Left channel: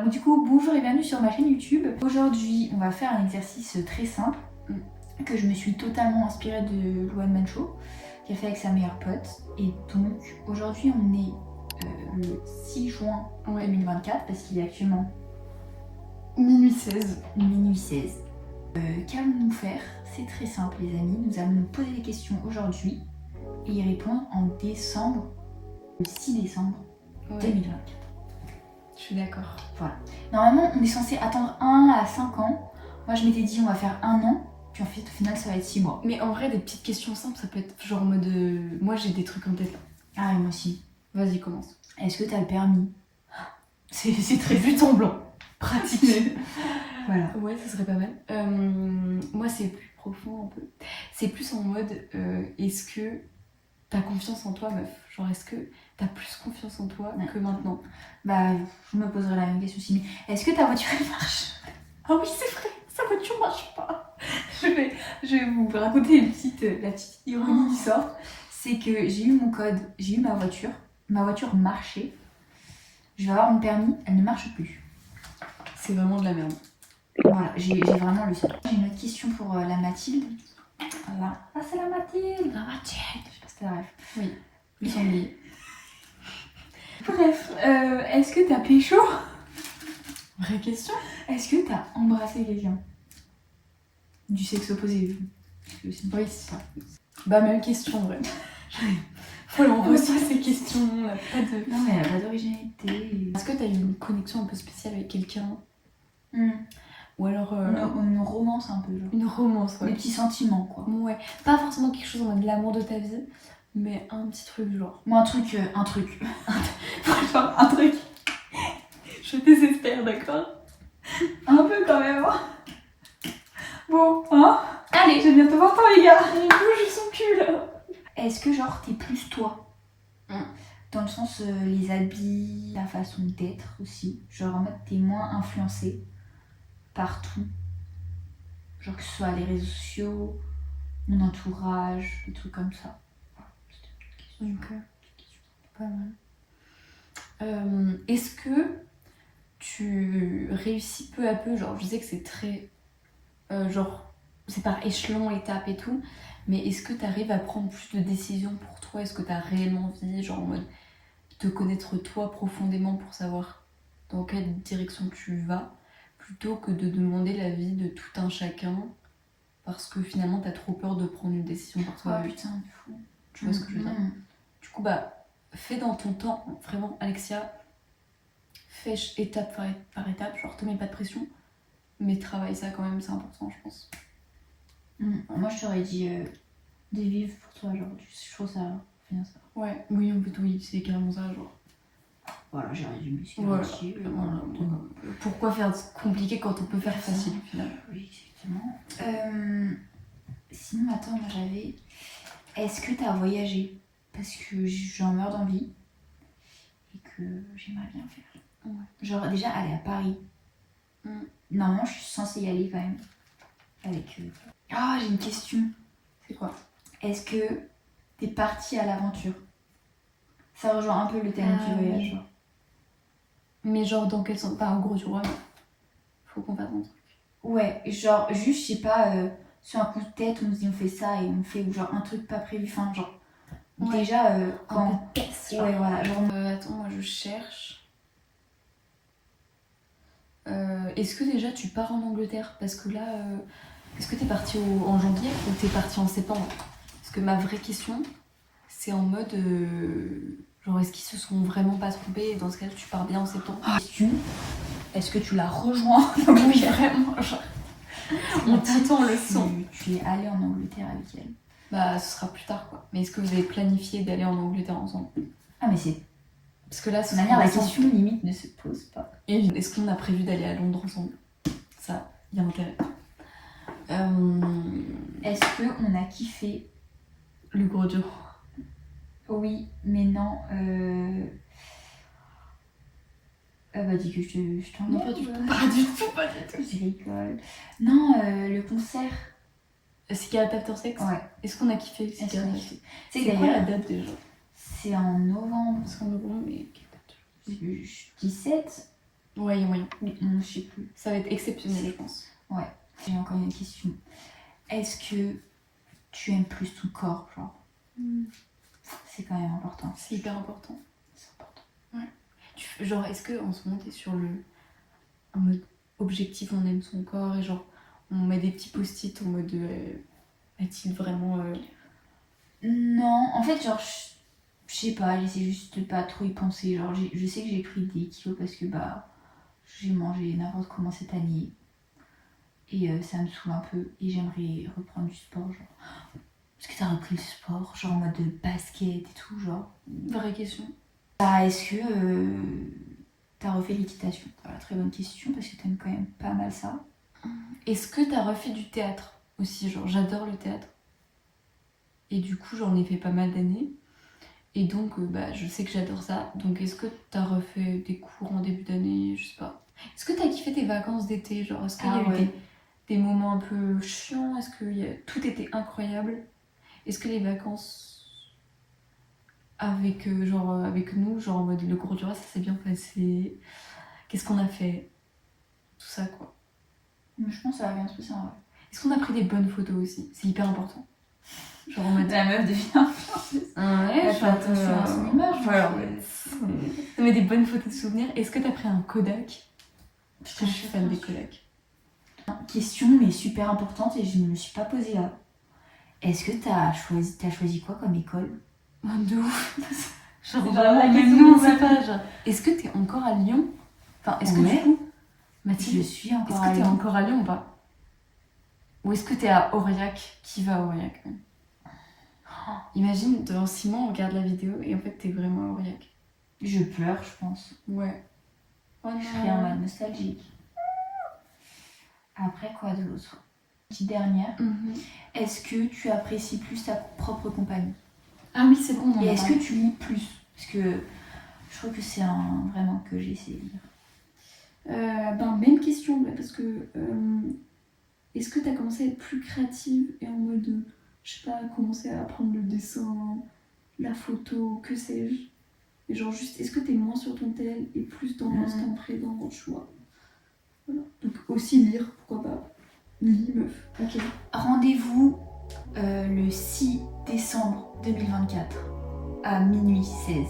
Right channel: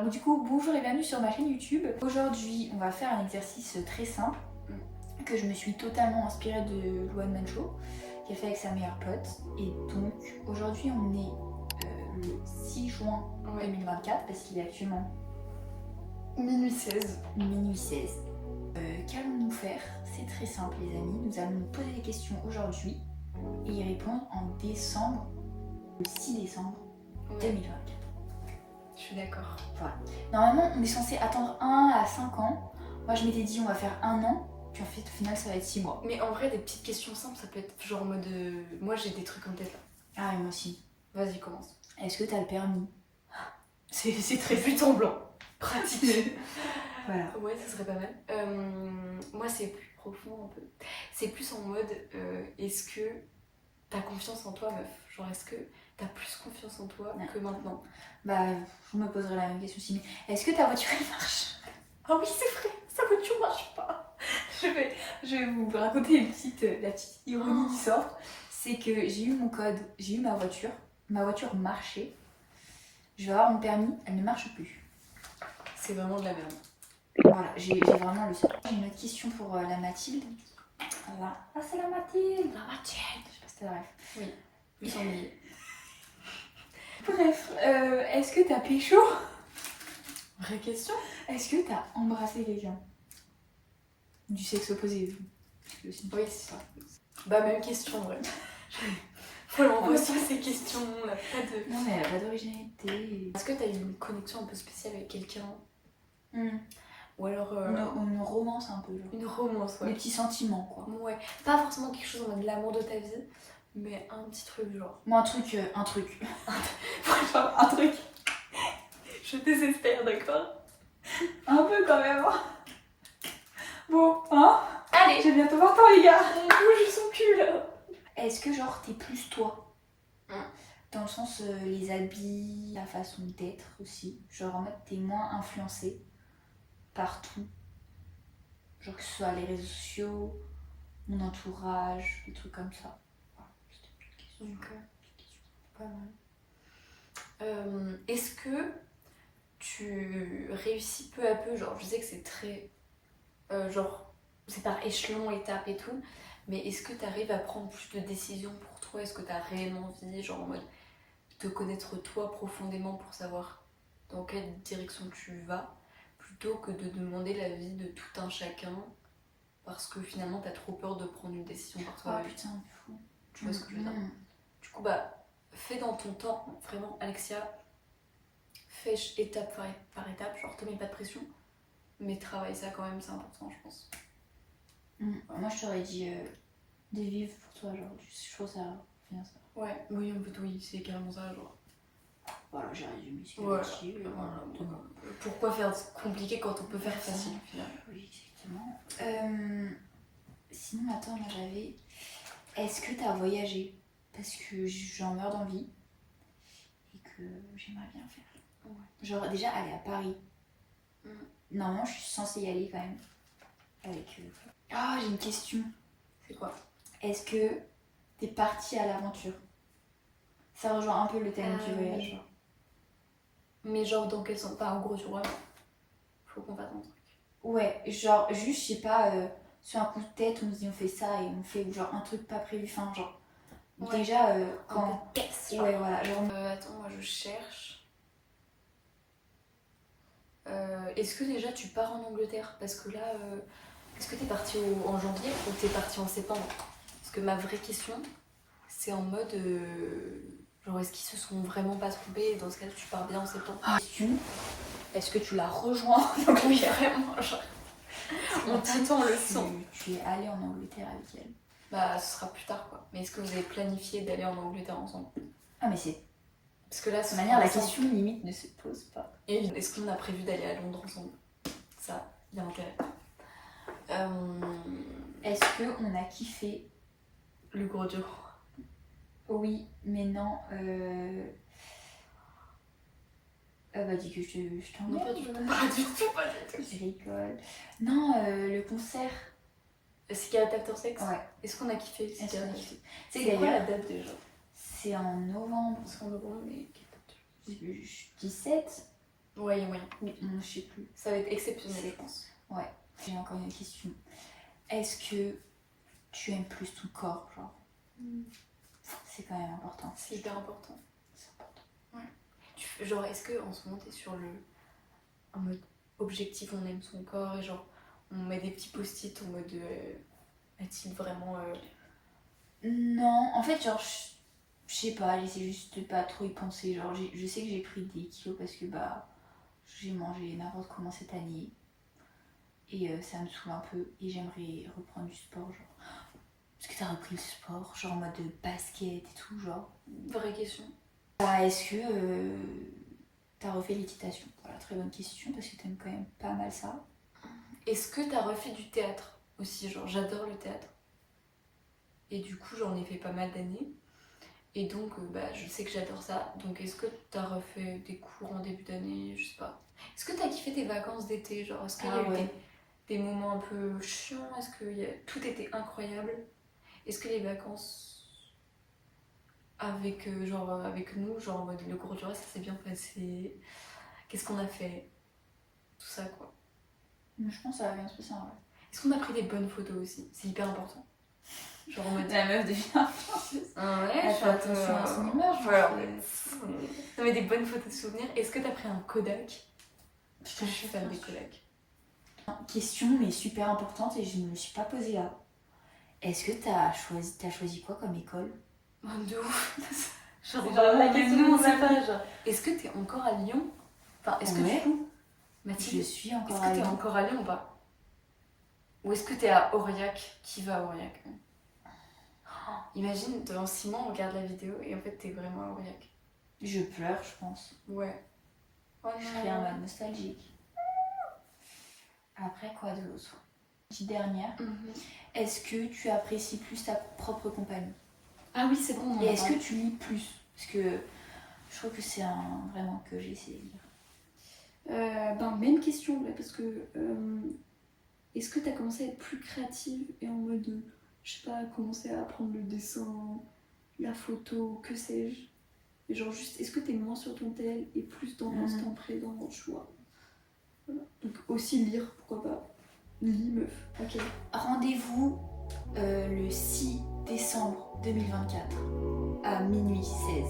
Bon, du coup, bonjour et bienvenue sur ma chaîne YouTube. Aujourd'hui, on va faire un exercice très simple que je me suis totalement inspirée de Luan Mancho, qui a fait avec sa meilleure pote. Et donc, aujourd'hui, on est le 6 juin 2024, parce qu'il est actuellement minuit 16. Minuit 16. Qu'allons-nous faire? C'est très simple, les amis. Nous allons nous poser des questions aujourd'hui et y répondre en décembre, le 6 décembre 2024. Je suis d'accord. Voilà. Normalement, on est censé attendre 1 à 5 ans. Moi, je m'étais dit, on va faire 1 an. Puis en fait, au final, ça va être 6 mois. Mais en vrai, des petites questions simples, ça peut être genre en mode. Moi, j'ai des trucs en tête là. Ah, et moi aussi. Vas-y, commence. Est-ce que t'as le permis? C'est très but en blanc. Pratique. Voilà. Ouais, ça serait pas mal. Moi, c'est plus profond un peu. C'est plus en mode est-ce que t'as confiance en toi, meuf? Genre, est-ce que t'as plus confiance en toi que maintenant? Bah, je me poserai la même question aussi. Mais est-ce que ta voiture, elle marche? Ah oui, c'est vrai, sa voiture marche pas. Je vais vous raconter la petite ironie du sort. C'est que j'ai eu mon code, j'ai eu ma voiture marchait. Je vais avoir mon permis, elle ne marche plus. C'est vraiment de la merde. Voilà, j'ai vraiment lu ça. J'ai une autre question pour la Mathilde. Voilà. Ah, c'est la Mathilde! La Mathilde. Je sais pas si t'as la ref. Oui, le sanglier. Bref, est-ce que t'as pécho? Vraie question? Est-ce que t'as embrassé quelqu'un? Du sexe opposé. Oui, c'est ça. Bah, même question, en vrai. Faut l'envoyer ces questions, on n'a pas de... Non, mais elle a pas d'originalité. Est-ce que t'as eu une connexion un peu spéciale avec quelqu'un? Ou alors... Une romance un peu, genre. Une romance, ouais. Des petits sentiments, quoi. Ouais. Pas forcément quelque chose en mode l'amour de ta vie, mais un petit truc, genre. Moi, un truc. Genre, un truc. Je désespère, d'accord? Un peu quand même, hein. Bon, hein. Allez, je vais bientôt voir toi, les gars. On bouge son cul, là. Est-ce que, genre, t'es plus toi? Dans le sens, les habits, la façon d'être aussi. Genre, en mode, t'es moins influencée par tout. Genre, que ce soit les réseaux sociaux, mon entourage, des trucs comme ça. Voilà, Ok. Pas mal. Est-ce que tu réussis peu à peu, genre je sais que c'est très genre c'est par échelon, étape et tout, mais est-ce que tu arrives à prendre plus de décisions pour toi? Est-ce que tu as réellement envie, genre en mode te connaître toi profondément pour savoir dans quelle direction tu vas, plutôt que de demander l'avis de tout un chacun parce que finalement t'as trop peur de prendre une décision par toi? Oh putain, de fou. Tu vois ce que je veux dire? Du coup, bah, fais dans ton temps, vraiment, Alexia, fais étape par étape, genre te mets pas de pression, mais travaille ça quand même, c'est important, je pense. Moi, je t'aurais dit de vivre pour toi, genre, je trouve ça bien ça. Ouais, oui, en fait, oui, c'est carrément ça, genre. Voilà, j'ai résumé ce qu'il Voilà. voilà. Pourquoi faire compliqué quand on peut faire facile, finalement? Oui, exactement. Sinon, attends, moi j'avais. Est-ce que t'as voyagé? Parce que j'en meurs d'envie et que j'aimerais bien faire. Ouais. Genre, déjà, aller à Paris. Normalement, je suis censée y aller quand même. Avec. Ah, j'ai une question. C'est quoi? Est-ce que t'es partie à l'aventure? Ça rejoint un peu le thème du voyage. Mais genre, dans quel sens? Pas en gros, tu vois, faut qu'on fasse un truc. Ouais, genre, juste, je sais pas, sur un coup de tête, on se dit on fait ça et on fait, ou genre un truc pas prévu, enfin, genre. Ouais. Déjà, quand. Un peu de test, genre. Ouais, voilà. Genre... Attends, moi je cherche. Est-ce que déjà tu pars en Angleterre? Parce que là, est-ce que t'es parti en janvier ou t'es parti en septembre? Parce que ma vraie question, c'est en mode genre, est-ce qu'ils se sont vraiment pas trompés? Et dans ce cas, tu pars bien en septembre. Est-ce que tu l'as rejoint? Oui, vraiment. Genre, on t'attend le son. Tu es allée en Angleterre avec elle? Bah, ce sera plus tard quoi. Mais est-ce que vous avez planifié d'aller en Angleterre ensemble? Ah, mais c'est. Parce que là, De manière, la question limite ne se pose pas. Et est-ce qu'on a prévu d'aller à Londres ensemble? Ça, il y a intérêt. Est-ce qu'on a kiffé le gros dur? Oui, mais non. Bah, dis que je t'en Non, pas du tout. Pas du tout, pas du tout. Je rigole. Non, le concert. Cigarette After Sex? Ouais. Est-ce qu'on a kiffé Cigarette After Sex? C'est quoi la date déjà? C'est en novembre. Parce qu'en novembre, mais... 17. Ouais, il y a moyen. Je sais plus. Ça va être exceptionnel, je pense. Ouais. J'ai encore une question. Est-ce que tu aimes plus ton corps, genre C'est quand même important. C'est hyper important. C'est important. Ouais. Genre, est-ce que en ce moment, t'es sur en mode objectif, on aime son corps et genre, on met des petits post-it en mode est-il vraiment. Non, en fait, genre, je sais pas, j'essaie juste de pas trop y penser. Genre, je sais que j'ai pris des kilos parce que bah, j'ai mangé n'importe comment cette année. Et ça me saoule un peu. Et j'aimerais reprendre du sport, genre. Est-ce que t'as repris le sport, genre en mode de basket et tout, genre Vraie question. Bah, est-ce que t'as refait l'équitation? Voilà, très bonne question parce que t'aimes quand même pas mal ça. Est-ce que t'as refait du théâtre aussi? Genre, j'adore le théâtre. Et du coup, j'en ai fait pas mal d'années. Et donc, bah, je sais que j'adore ça. Donc, est-ce que t'as refait des cours en début d'année? Je sais pas. Est-ce que t'as kiffé tes vacances d'été? Genre, est-ce qu'il y a eu des moments un peu chiants? Est-ce que tout était incroyable? Est-ce que les vacances avec, avec nous, genre en mode le gros Jura, ça s'est bien passé? Qu'est-ce qu'on a fait? Tout ça, quoi. Je pense que ça va bien se passer en vrai. Est-ce qu'on a pris des bonnes photos aussi? C'est hyper important. Genre en mode. La meuf devient influenceuse. Ouais, Elle fait attention à son image. Voilà. Non, mais des bonnes photos de souvenirs. Est-ce que t'as pris un Kodak? Parce que je suis fan des Kodak. Question, mais super importante et je ne me suis pas posée là. Est-ce que t'as choisi quoi comme école? De ouf. Genre vraiment, vraiment, même même nous, nous, on on sait sait pas. Genre. Est-ce que t'es encore à Lyon? Enfin, est-ce que Ouais. du coup, Je Mathilde, suis encore est-ce à que t'es Lyon. encore à Lyon ou pas? Ou est-ce que t'es à Aurillac? Qui va à Aurillac même? Oh, imagine, dans 6 mois, on regarde la vidéo et en fait, t'es vraiment à Aurillac. Je pleure, je pense. Ouais. Oh Je serai en mode nostalgique. Après, quoi de l'autre? Petite dernière. Est-ce que tu apprécies plus ta propre compagnie? Ah oui, c'est bon. Et est-ce que tu lis plus? Parce que je trouve que c'est vraiment que j'ai essayé de lire. Même question, parce que est-ce que tu as commencé à être plus créative et en mode, je sais pas, commencer à apprendre le dessin, la photo, que sais-je? Et genre juste, est-ce que tu es moins sur ton tel et plus dans l'instant présent, tu vois? Voilà. Donc aussi lire, pourquoi pas? Lis, meuf. Ok. Rendez-vous le 6 décembre 2024 à minuit 16.